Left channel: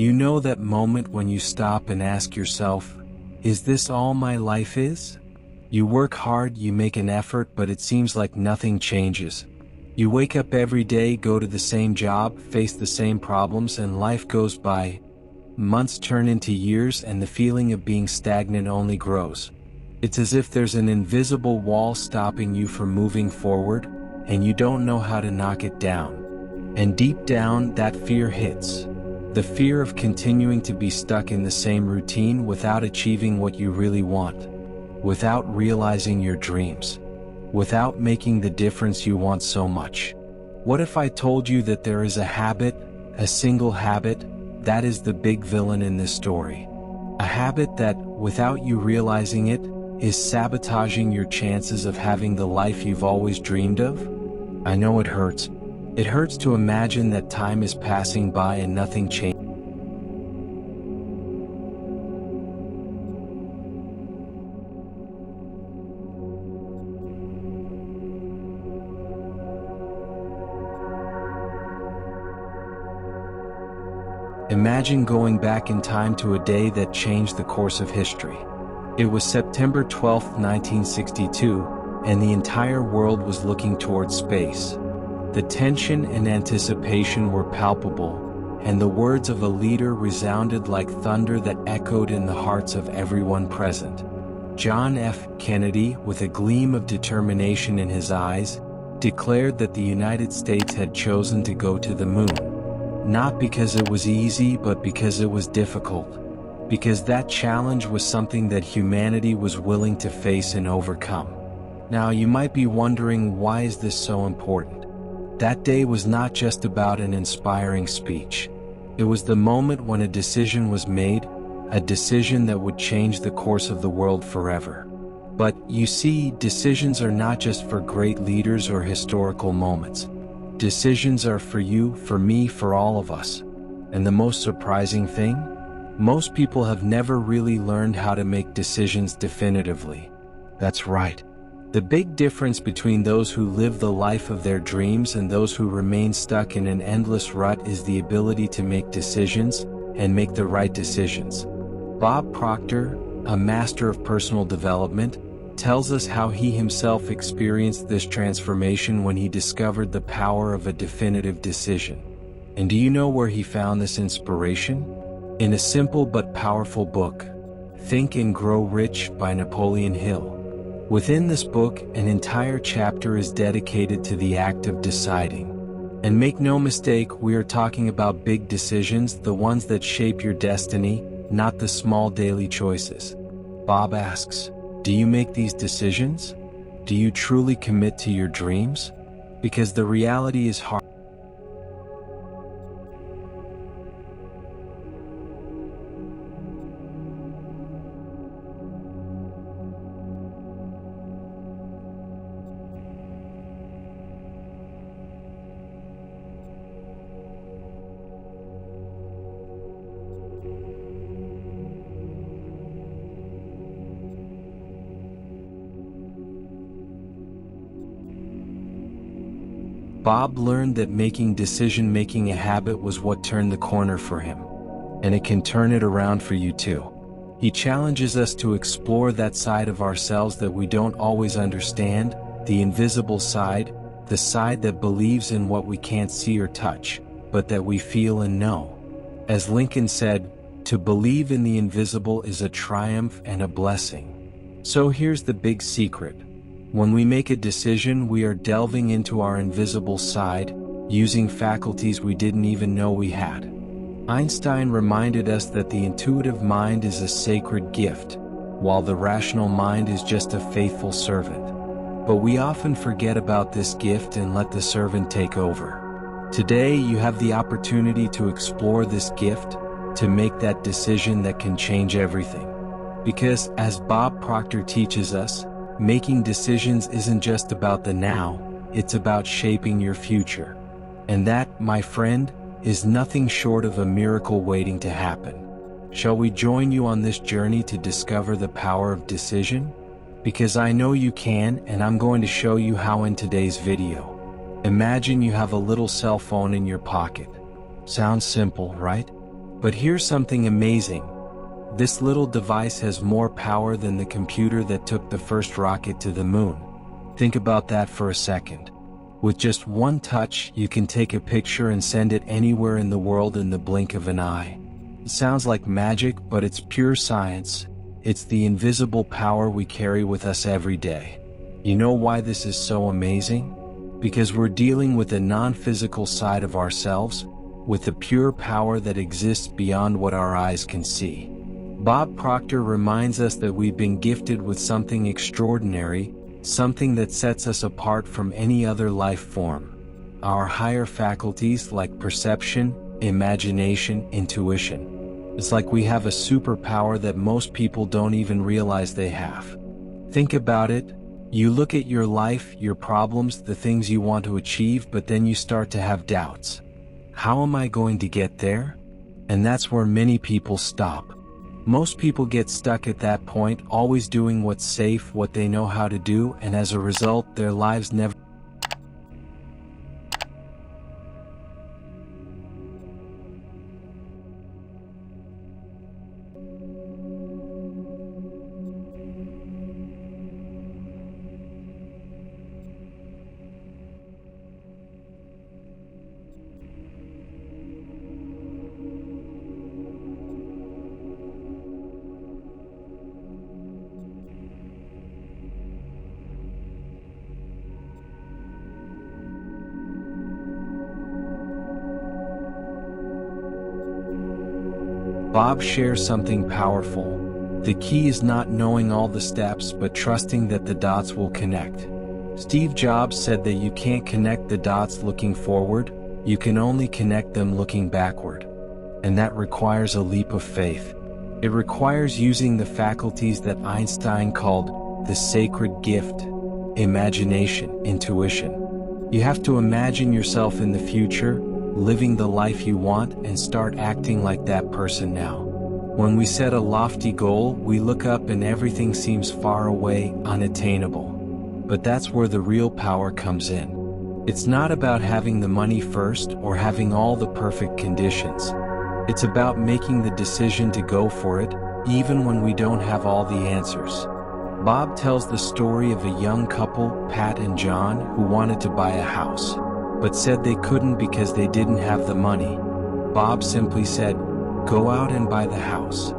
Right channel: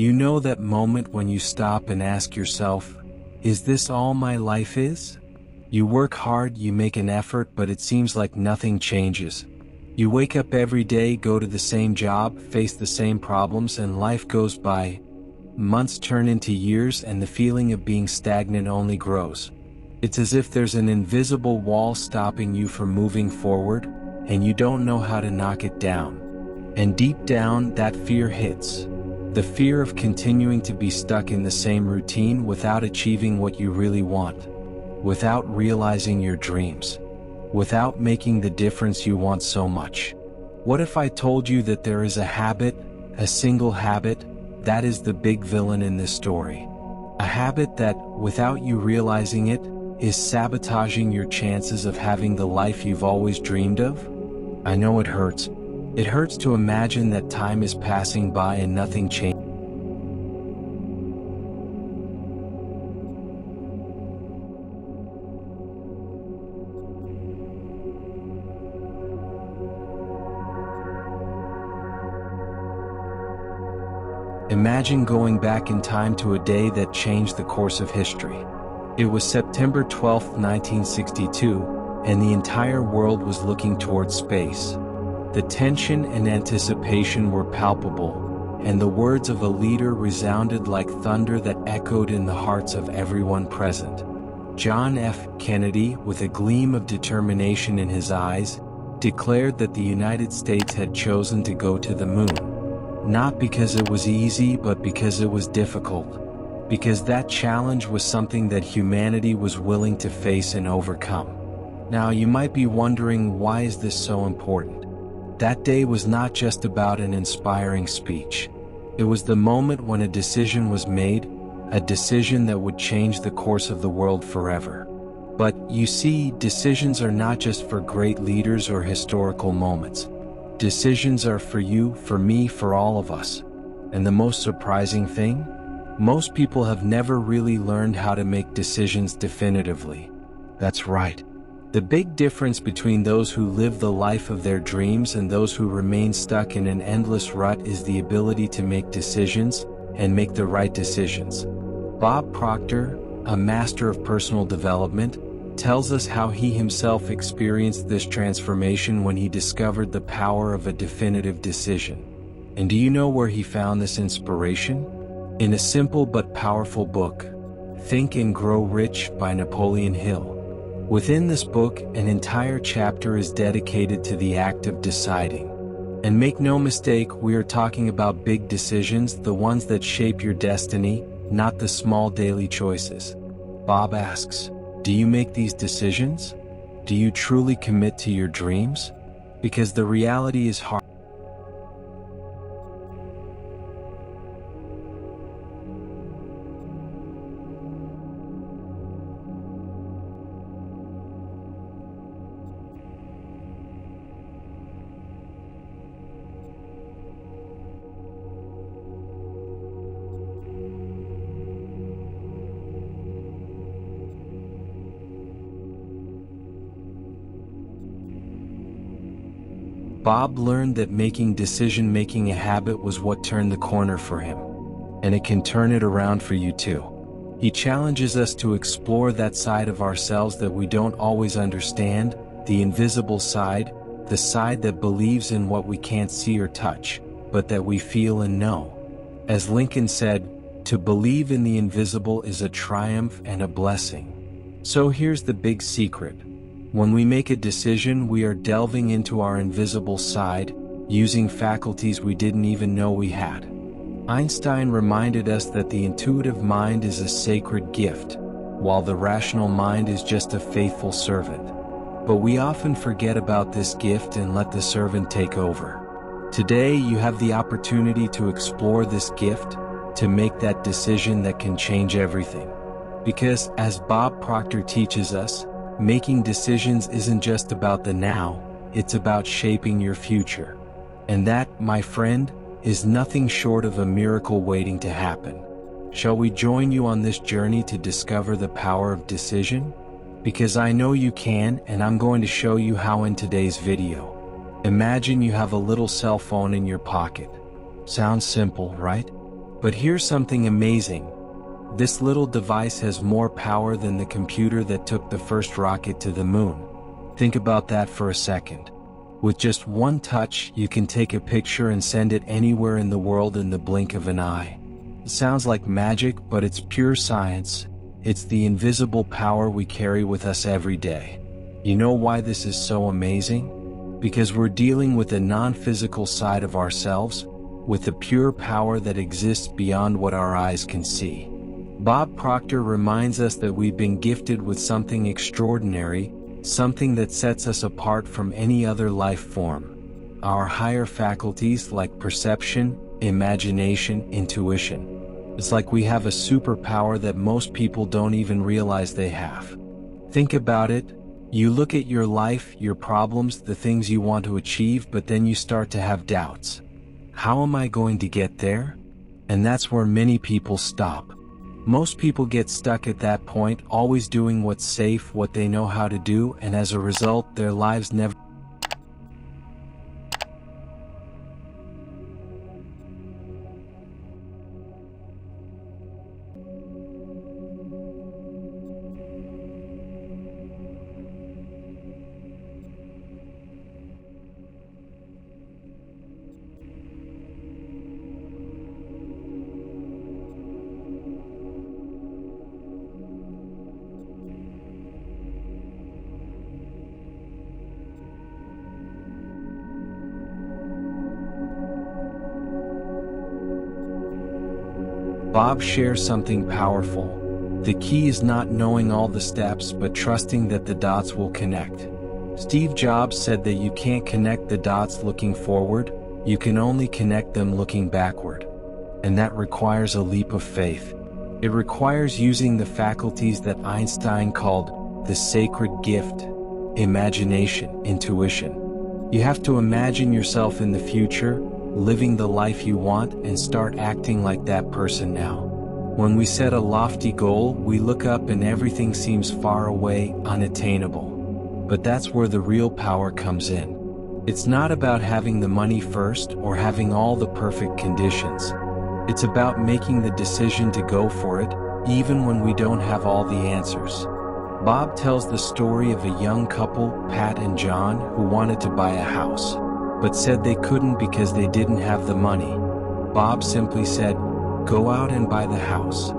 You know that moment when you stop and ask yourself, is this all my life is? You work hard, you make an effort, but it seems like nothing changes. You wake up every day, go to the same job, face the same problems, and life goes by. Months turn into years, and the feeling of being stagnant only grows. It's as if there's an invisible wall stopping you from moving forward, and you don't know how to knock it down. And deep down, that fear hits. The fear of continuing to be stuck in the same routine without achieving what you really want, without realizing your dreams, without making the difference you want so much. What if I told you that there is a habit, a single habit, that is the big villain in this story? A habit that, without you realizing it, is sabotaging your chances of having the life you've always dreamed of? I know it hurts. It hurts to imagine that time is passing by and nothing changes. Imagine going back in time to a day that changed the course of history. It was September 12, 1962, and the entire world was looking towards space. The tension and anticipation were palpable, and the words of a leader resounded like thunder that echoed in the hearts of everyone present. John F. Kennedy, with a gleam of determination in his eyes, declared that the United States had chosen to go to the moon. Not because it was easy, but because it was difficult. Because that challenge was something that humanity was willing to face and overcome. Now you might be wondering, why is this so important? That day was not just about an inspiring speech. It was the moment when a decision was made, a decision that would change the course of the world forever. But, you see, decisions are not just for great leaders or historical moments. Decisions are for you, for me, for all of us. And the most surprising thing? Most people have never really learned how to make decisions definitively. That's right. The big difference between those who live the life of their dreams and those who remain stuck in an endless rut is the ability to make decisions, and make the right decisions. Bob Proctor, a master of personal development, tells us how he himself experienced this transformation when he discovered the power of a definitive decision. And do you know where he found this inspiration? In a simple but powerful book, Think and Grow Rich by Napoleon Hill. Within this book, an entire chapter is dedicated to the act of deciding. And make no mistake, we are talking about big decisions, the ones that shape your destiny, not the small daily choices. Bob asks, do you make these decisions? Do you truly commit to your dreams? Because the reality is hard. Bob learned that making decision-making a habit was what turned the corner for him. And it can turn it around for you too. He challenges us to explore that side of ourselves that we don't always understand, the invisible side, the side that believes in what we can't see or touch, but that we feel and know. As Lincoln said, to believe in the invisible is a triumph and a blessing. So here's the big secret. When we make a decision, we are delving into our invisible side, using faculties we didn't even know we had. Einstein reminded us that the intuitive mind is a sacred gift, while the rational mind is just a faithful servant. But we often forget about this gift and let the servant take over. Today, you have the opportunity to explore this gift, to make that decision that can change everything. Because, as Bob Proctor teaches us, making decisions isn't just about the now, it's about shaping your future. And that, my friend, is nothing short of a miracle waiting to happen. Shall we join you on this journey to discover the power of decision? Because I know you can, and I'm going to show you how in today's video. Imagine you have a little cell phone in your pocket. Sounds simple, right? But here's something amazing. This little device has more power than the computer that took the first rocket to the moon. Think about that for a second. With just one touch, you can take a picture and send it anywhere in the world in the blink of an eye. It sounds like magic, but it's pure science. It's the invisible power we carry with us every day. You know why this is so amazing? Because we're dealing with a non-physical side of ourselves, with a pure power that exists beyond what our eyes can see. Bob Proctor reminds us that we've been gifted with something extraordinary, something that sets us apart from any other life form. Our higher faculties like perception, imagination, intuition. It's like we have a superpower that most people don't even realize they have. Think about it. You look at your life, your problems, the things you want to achieve, but then you start to have doubts. How am I going to get there? And that's where many people stop. Most people get stuck at that point, always doing what's safe, what they know how to do, and as a result, their lives never. Bob shares something powerful. The key is not knowing all the steps but trusting that the dots will connect. Steve Jobs said that you can't connect the dots looking forward, you can only connect them looking backward. And that requires a leap of faith. It requires using the faculties that Einstein called the sacred gift: imagination, intuition. You have to imagine yourself in the future, living the life you want, and start acting like that person now. When we set a lofty goal, we look up and everything seems far away, unattainable. But that's where the real power comes in. It's not about having the money first or having all the perfect conditions. It's about making the decision to go for it, even when we don't have all the answers. Bob tells the story of a young couple, Pat and John, who wanted to buy a house, but said they couldn't because they didn't have the money. Bob simply said, "Go out and buy the house.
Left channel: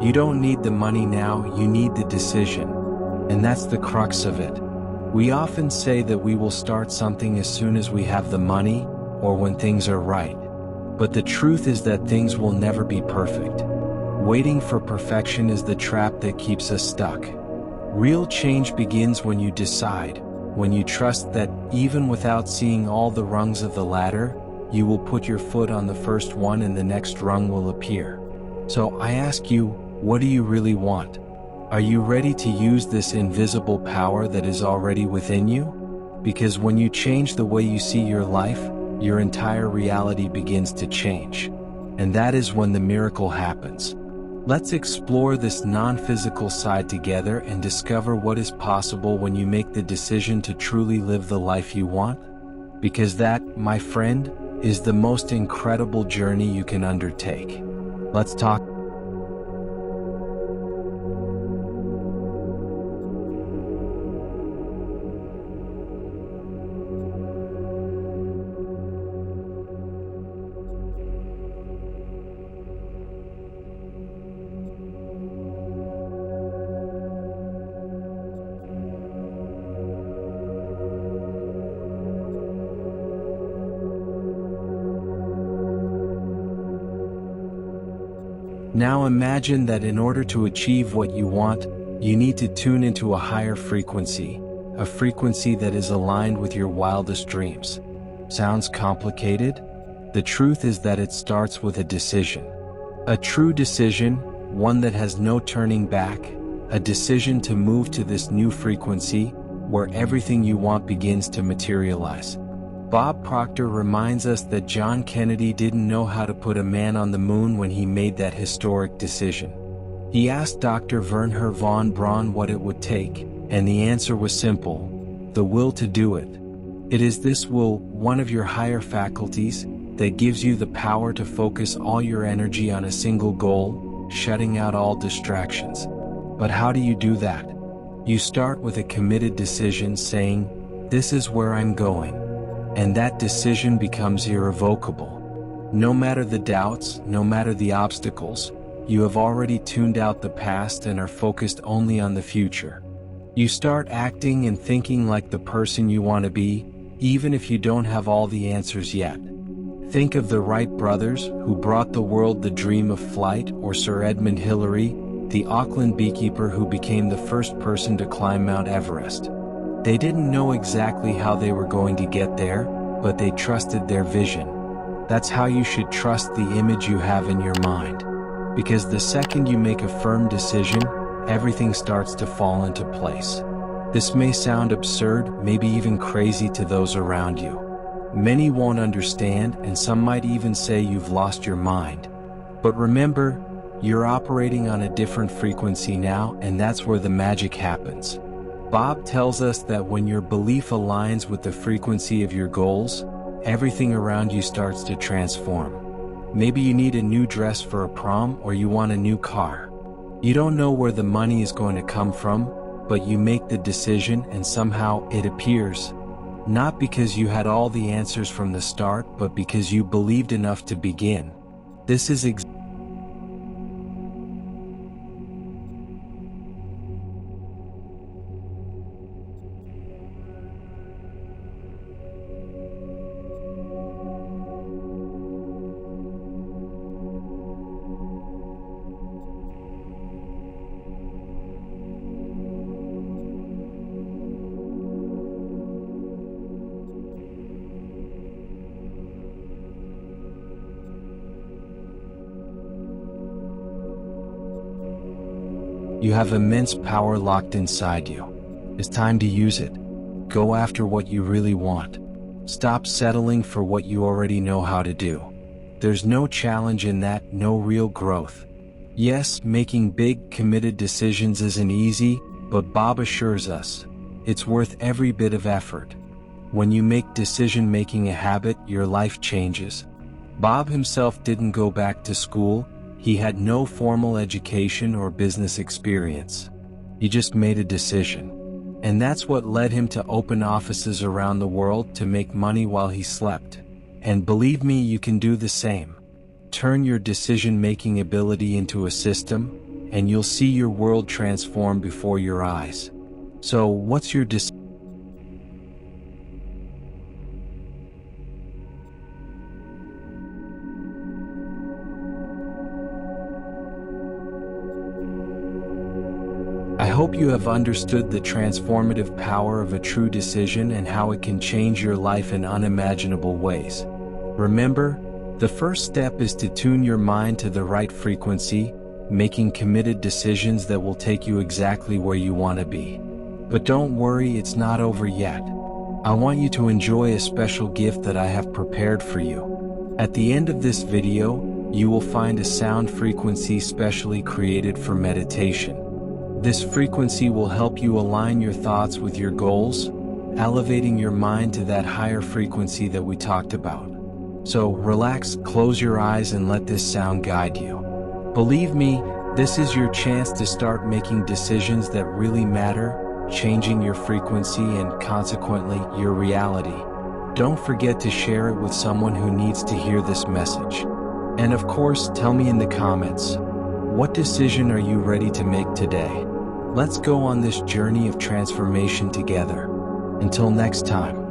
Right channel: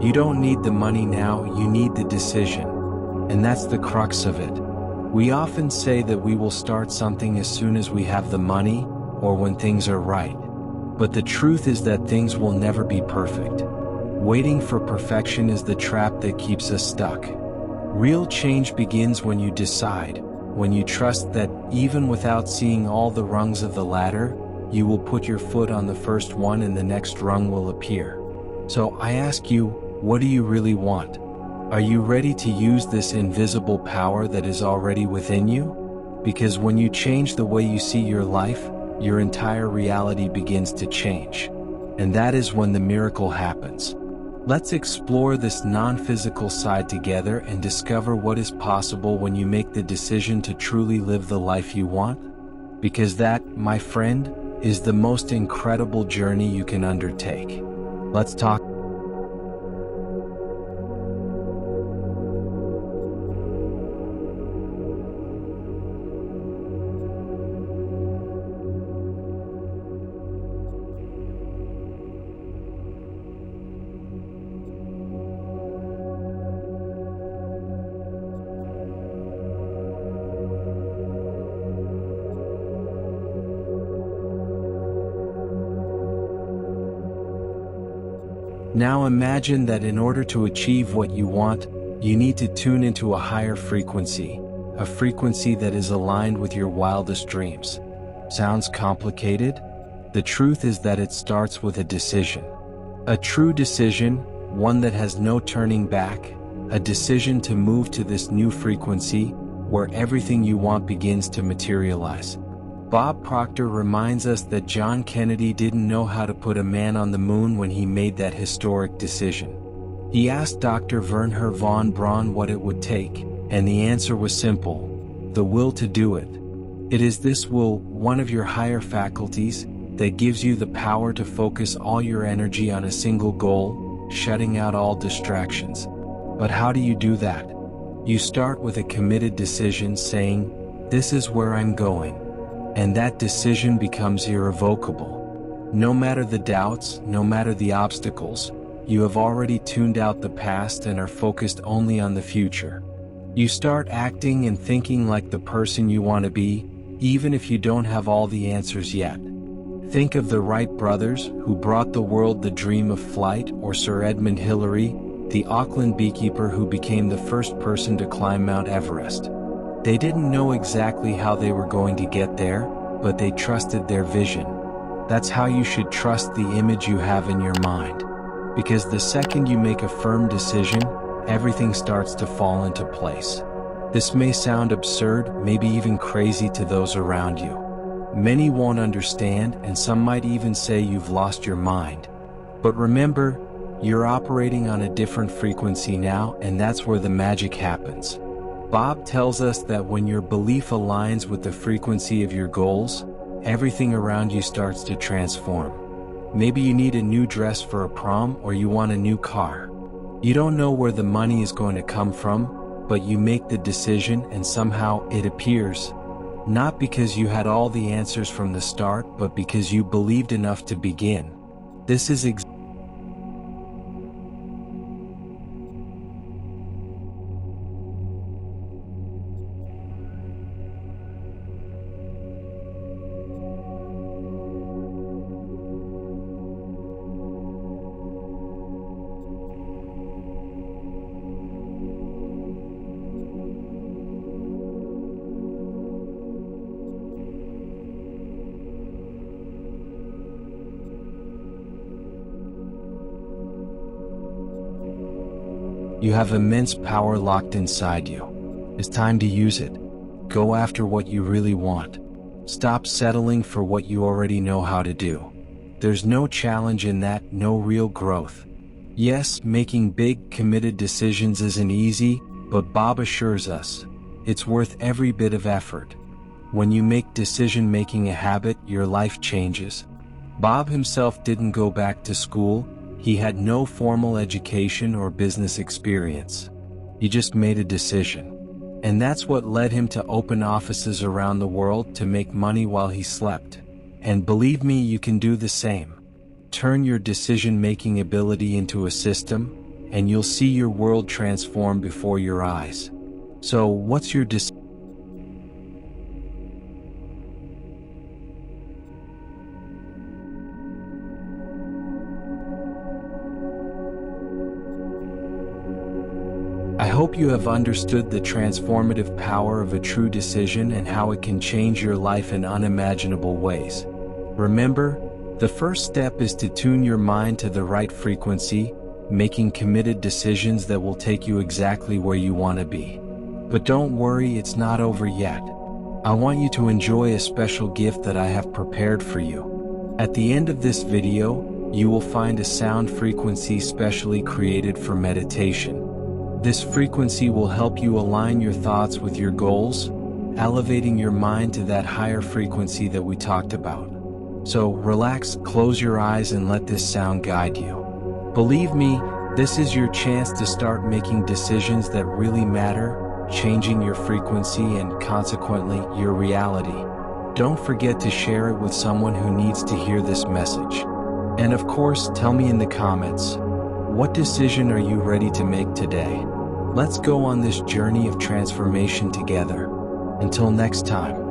You don't need the money now, you need the decision." And that's the crux of it. We often say that we will start something as soon as we have the money, or when things are right. But the truth is that things will never be perfect. Waiting for perfection is the trap that keeps us stuck. Real change begins when you decide, when you trust that, even without seeing all the rungs of the ladder, you will put your foot on the first one and the next rung will appear. So I ask you, what do you really want? Are you ready to use this invisible power that is already within you? Because when you change the way you see your life, your entire reality begins to change. And that is when the miracle happens. Let's explore this non-physical side together and discover what is possible when you make the decision to truly live the life you want. Because that, my friend, is the most incredible journey you can undertake. Let's talk. Now imagine that in order to achieve what you want, you need to tune into a higher frequency, a frequency that is aligned with your wildest dreams. Sounds complicated? The truth is that it starts with a decision. A true decision, one that has no turning back, a decision to move to this new frequency, where everything you want begins to materialize. Bob Proctor reminds us that John Kennedy didn't know how to put a man on the moon when he made that historic decision. He asked Dr. Wernher von Braun what it would take, and the answer was simple: the will to do it. It is this will, one of your higher faculties, that gives you the power to focus all your energy on a single goal, shutting out all distractions. But how do you do that? You start with a committed decision saying, "This is where I'm going." And that decision becomes irrevocable. No matter the doubts, no matter the obstacles, you have already tuned out the past and are focused only on the future. You start acting and thinking like the person you want to be, even if you don't have all the answers yet. Think of the Wright brothers, who brought the world the dream of flight, or Sir Edmund Hillary, the Auckland beekeeper who became the first person to climb Mount Everest. They didn't know exactly how they were going to get there, but they trusted their vision. That's how you should trust the image you have in your mind. Because the second you make a firm decision, everything starts to fall into place. This may sound absurd, maybe even crazy to those around you. Many won't understand, and some might even say you've lost your mind. But remember, you're operating on a different frequency now, and that's where the magic happens. Bob tells us that when your belief aligns with the frequency of your goals, everything around you starts to transform. Maybe you need a new dress for a prom, or you want a new car. You don't know where the money is going to come from, but you make the decision and somehow it appears. Not because you had all the answers from the start, but because you believed enough to begin. This is You have immense power locked inside you. It's time to use it. Go after what you really want. Stop settling for what you already know how to do. There's no challenge in that, no real growth. Yes, making big, committed decisions isn't easy, but Bob assures us, it's worth every bit of effort. When you make decision-making a habit, your life changes. Bob himself didn't go back to school. He had no formal education or business experience. He just made a decision. And that's what led him to open offices around the world to make money while he slept. And believe me, you can do the same. Turn your decision-making ability into a system, and you'll see your world transform before your eyes. So, what's your decision? I hope you have understood the transformative power of a true decision and how it can change your life in unimaginable ways. Remember, the first step is to tune your mind to the right frequency, making committed decisions that will take you exactly where you want to be. But don't worry, it's not over yet. I want you to enjoy a special gift that I have prepared for you. At the end of this video, you will find a sound frequency specially created for meditation. This frequency will help you align your thoughts with your goals, elevating your mind to that higher frequency that we talked about. So relax, close your eyes, and let this sound guide you. Believe me, this is your chance to start making decisions that really matter, changing your frequency and consequently your reality. Don't forget to share it with someone who needs to hear this message. And of course, tell me in the comments, what decision are you ready to make today? Let's go on this journey of transformation together. Until next time.